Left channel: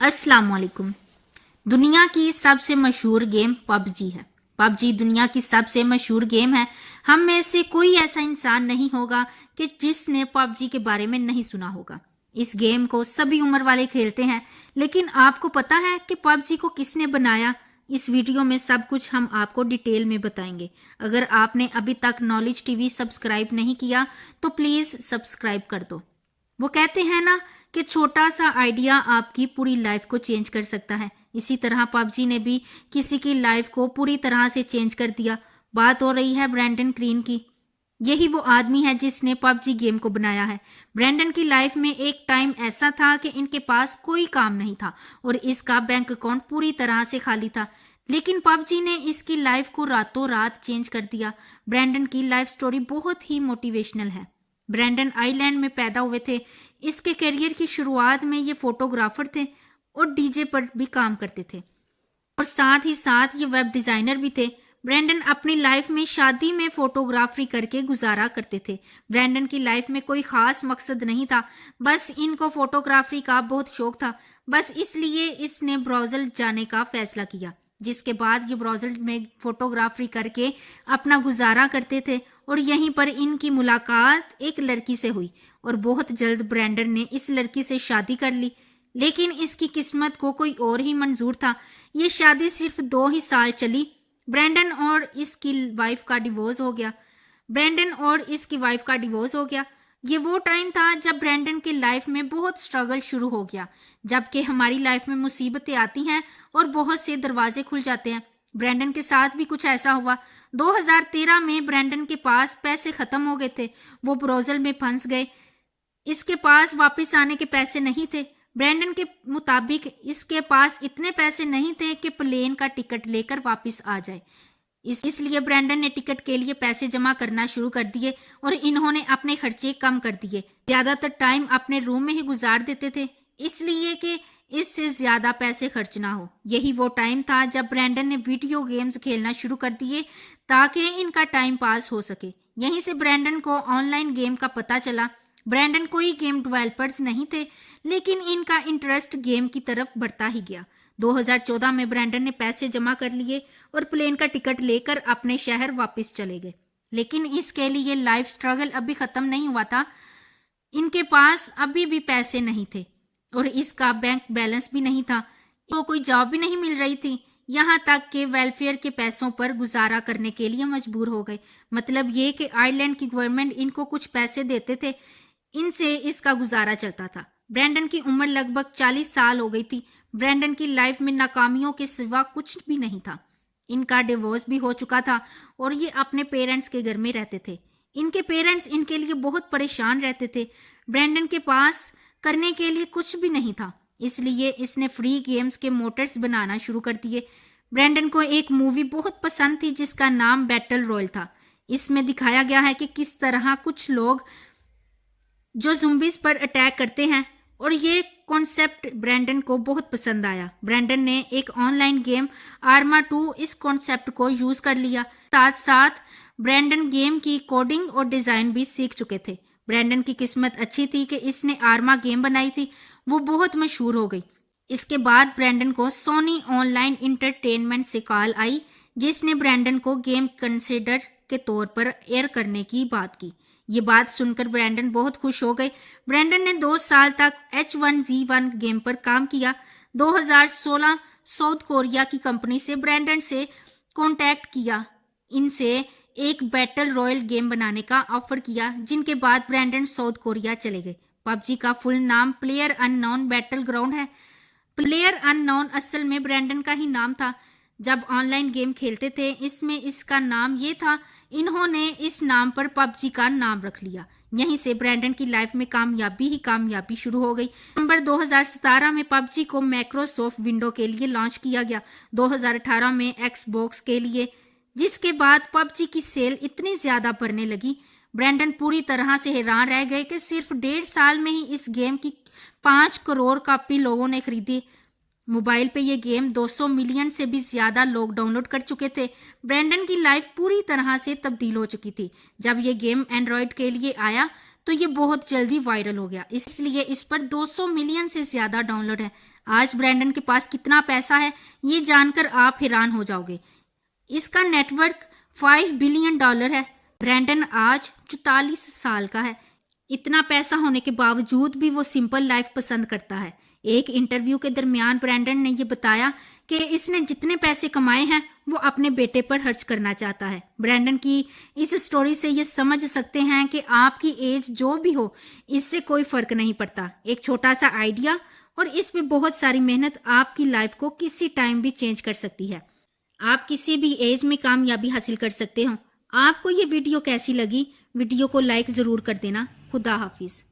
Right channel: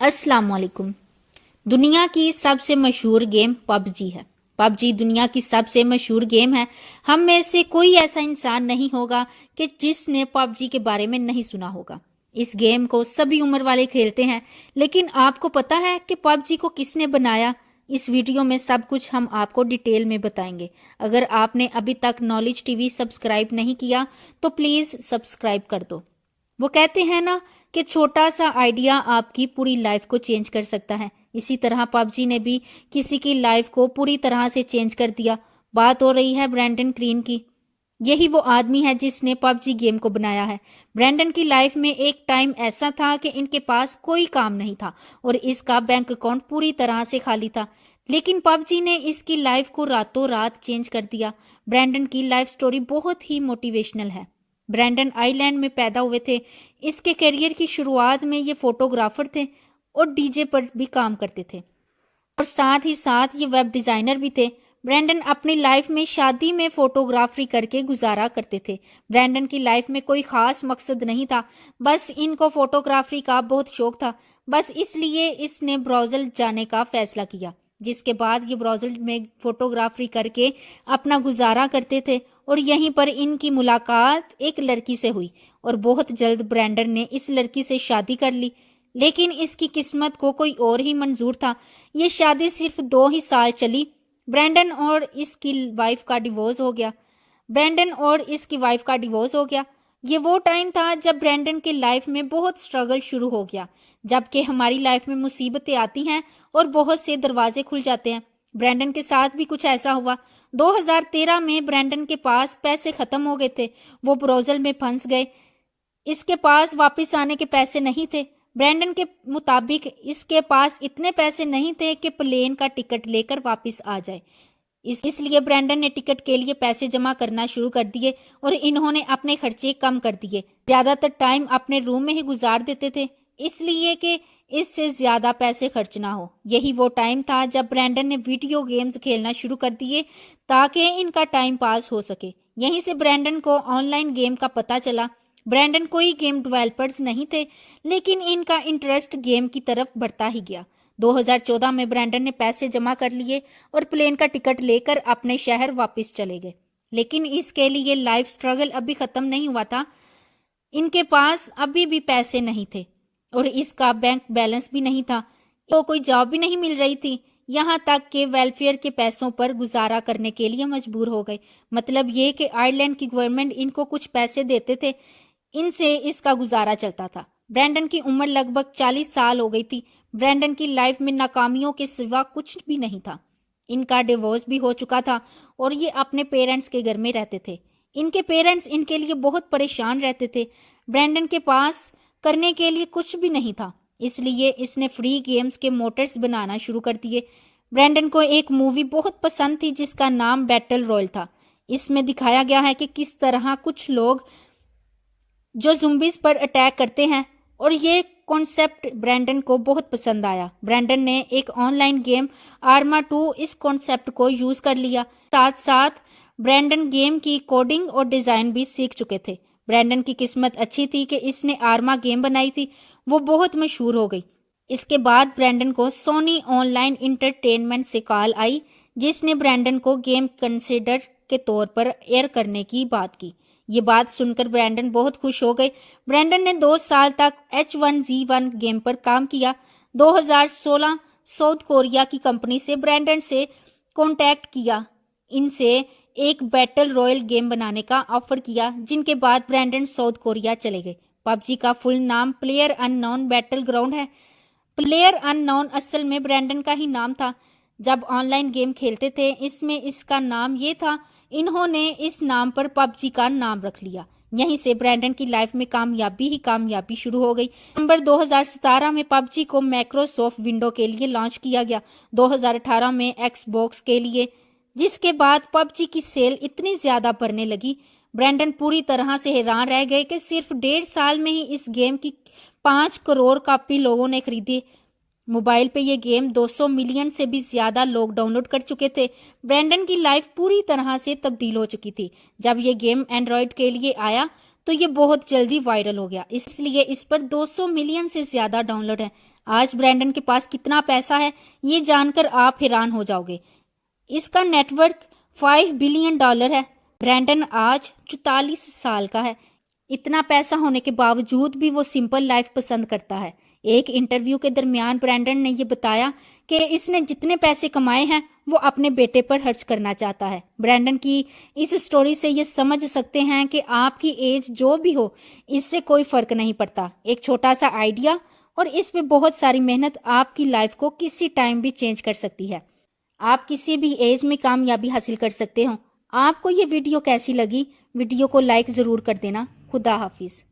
अस्सलाम वालेकुम। दुनिया की सबसे मशहूर गेम पबजी है। पबजी दुनिया की सबसे मशहूर गेम है। हम में से कोई ऐसा इंसान नहीं होगा कि जिसने पबजी के बारे में नहीं सुना होगा। इस गेम को सभी उम्र वाले खेलते हैं, लेकिन आपको पता है कि पबजी को किसने बनाया? इस वीडियो में सब कुछ हम आपको डिटेल में बताएंगे। अगर आपने अभी तक नॉलेज टीवी सब्सक्राइब नहीं किया तो प्लीज सब्सक्राइब कर दो। वो कहते हैं ना कि छोटा सा आइडिया आपकी पूरी लाइफ को चेंज कर सकता है। इसी तरह पबजी ने भी किसी की लाइफ को पूरी तरह से चेंज कर दिया। बात हो रही है ब्रैंडन क्रीन की। यही वो आदमी है जिसने पबजी गेम को बनाया है। ब्रैंडन की लाइफ में एक टाइम ऐसा था कि इनके पास कोई काम नहीं था और इसका बैंक अकाउंट पूरी तरह से खाली था, लेकिन पबजी ने इसकी लाइफ को रातों रात चेंज कर दिया। ब्रैंडन की लाइफ स्टोरी बहुत ही मोटिवेशनल है। ब्रैंडन आइलैंड में पैदा हुए थे। इसके करियर की शुरुआत में ये फोटोग्राफर थे और डीजे पर भी काम करते थे और साथ ही साथ ये वेब डिजाइनर भी थे। ब्रैंडन अपनी लाइफ में शादी में फोटोग्राफी करके गुजारा करते थे। ब्रैंडन की लाइफ में कोई खास मकसद नहीं था, बस इनको फोटोग्राफी का बहुत शौक था। बस इसलिए इसने ब्राजील जाने का फैसला किया, जिसके बाद ये ब्राजील में फोटोग्राफी करके अपना गुजारा करते थे और यहीं पर इनकी मुलाकात एक लड़की से हुई और बहुत जल्द ब्रैंडन ने इस लड़की से शादी कर ली। लेकिन इसकी किस्मत को कोई और ही मंजूर था। ये शादी सिर्फ 2 ही साल चली। ब्रैंडन और इसकी वाइफ का डिवोर्स हो गया। ये वो टाइम था जब ब्रैंडन के लाइफ में बहुत स्ट्रगल शुरू हो गया, जबकि हमारी लाइफ में मुसीबतें आती हैं और बहुत से दरवाजे खुल जाते हैं। ब्रैंडन के साथ भी कुछ ऐसा हुआ। 2013 में ब्रैंडन के पास पैसे खत्म हो गए थे। वो ब्राजील में फंस गए। इसके पास वापस आने के पैसे नहीं थे। ब्रैंडन के मुताबिक इसके पास इतने पैसे नहीं थे कि प्लेन का टिकट लेकर वापस आ जाए। इसलिए ब्रैंडन ने टिकट के लिए पैसे जमा करना शुरू कर दिए और इन्होंने अपने खर्चे कम कर दिए। ज्यादातर टाइम अपने रूम में ही गुजार देते थे, इसलिए कि इससे ज्यादा पैसे खर्च ना हो। यही वो टाइम था जब ब्रैंडन ने वीडियो गेम्स खेलना शुरू कर दिए ताकि इनका टाइम पास हो सके। यहीं से ब्रैंडन को ऑनलाइन गेम का पता चला। ब्रैंडन कोई गेम डेवलपर्स नहीं थे, लेकिन इनका इंटरेस्ट गेम की तरफ बढ़ता ही गया। 2014 में ब्रैंडन ने पैसे जमा कर लिए और प्लेन का टिकट लेकर अपने शहर वापस चले गए। लेकिन इसके लिए लाइफ स्ट्रगल अभी खत्म नहीं हुआ था। इनके पास अभी भी पैसे नहीं थे और इसका बैंक बैलेंस भी नहीं था। तो कोई जॉब भी नहीं मिल रही थी, यहाँ तक कि वेलफेयर के पैसों पर गुजारा करने के लिए मजबूर हो गए। मतलब ये कि आयरलैंड की गवर्नमेंट इनको कुछ पैसे देते थे, इनसे इसका गुजारा चलता था। ब्रैंडन की उम्र लगभग 40 साल हो गई थी। ब्रैंडन की लाइफ में नाकामियों के सिवा कुछ भी नहीं था। इनका डिवोर्स भी हो चुका था और ये अपने पेरेंट्स के घर में रहते थे। इनके पेरेंट्स इनके लिए बहुत परेशान रहते थे। ब्रैंडन के पास करने के लिए कुछ भी नहीं था, इसलिए इसने फ्री गेम्स के मोटर्स बनाना शुरू कर दिए। ब्रैंडन को एक मूवी बहुत पसंद थी जिसका नाम बैटल रॉयल था। इसमें दिखाया गया है कि किस तरह कुछ लोग जो ज़ुम्बीज पर अटैक करते हैं, और ये कॉन्सेप्ट ब्रैंडन को बहुत पसंद आया। ब्रैंडन ने एक ऑनलाइन गेम आर्मा 2 इस कॉन्सेप्ट को यूज कर लिया। साथ साथ ब्रैंडन गेम की कोडिंग और डिजाइन भी सीख चुके थे। ब्रैंडन की किस्मत अच्छी थी कि इसने आर्मा गेम बनाई थी, वो बहुत मशहूर हो गई। इसके बाद ब्रैंडन को सोनी ऑनलाइन इंटरटेनमेंट से कॉल आई, जिसने ब्रैंडन को गेम कंसिडर के तौर पर एयर करने की बात की। ये बात सुनकर ब्रैंडन बहुत खुश हो गए। ब्रैंडन ने 2 साल तक H1Z1 गेम पर काम किया। 2016 साउथ कोरिया की कंपनी से ब्रैंडन से कांटेक्ट किया। इनसे एक बैटल रॉयल गेम बनाने का ऑफर किया, जिनके बाद ब्रैंडन साउथ कोरिया चले गए। पबजी का फुल नाम प्लेयर अननोन बैटल ग्राउंड है। प्लेयर अननोन असल में ब्रैंडन का ही नाम था। जब ऑनलाइन गेम खेलते थे इसमें इसका नाम ये था, इन्होंने इस नाम पर पबजी का नाम रख लिया। यहीं से ब्रैंडन की लाइफ में कामयाबी शुरू हो गई। नवंबर 2017 में पबजी को माइक्रोसॉफ्ट विंडो के लिए लॉन्च किया गया, 2018 में एक्सबॉक्स के लिए, जिसके बाद पबजी की सेल इतनी ज्यादा बढ़ने लगी। ब्रैंडन पूरी तरह से हैरान रह गए कि सिर्फ 1.5 साल में ही इस गेम की 5 करोड़ कॉपी लोगों ने खरीदी। मोबाइल पे ये गेम 200 मिलियन से भी ज्यादा लोग डाउनलोड कर चुके थे। ब्रैंडन की लाइफ पूरी तरह से तब्दील हो चुकी थी। जब ये गेम एंड्रॉयड के लिए आया तो ये बहुत जल्दी वायरल हो गया, इसलिए इस पर 200 मिलियन से ज्यादा डाउनलोड है। آج برینڈن کے پاس کتنا پیسہ ہے یہ جان کر آپ حیران ہو جاؤ گے۔ اس کا نیٹ ورک $5 بلین ہے۔ برینڈن آج 44 سال کا ہے۔ اتنا پیسہ ہونے کے باوجود بھی وہ سمپل لائف پسند کرتا ہے۔ ایک انٹرویو کے درمیان برینڈن نے یہ بتایا کہ اس نے جتنے پیسے کمائے ہیں وہ اپنے بیٹے پر خرچ کرنا چاہتا ہے۔ برینڈن کی اس سٹوری سے یہ سمجھ سکتے ہیں کہ آپ کی ایج جو بھی ہو اس سے کوئی فرق نہیں پڑتا۔ ایک چھوٹا سا آئیڈیا اور اس پہ بہت ساری محنت آپ کی لائف کو کسی ٹائم بھی چینج کر سکتی ہے۔ آپ کسی بھی ایج میں کامیابی حاصل کر سکتے ہو۔ آپ کو یہ ویڈیو کیسی لگی؟ ویڈیو کو لائک ضرور کر دینا۔ خدا حافظ۔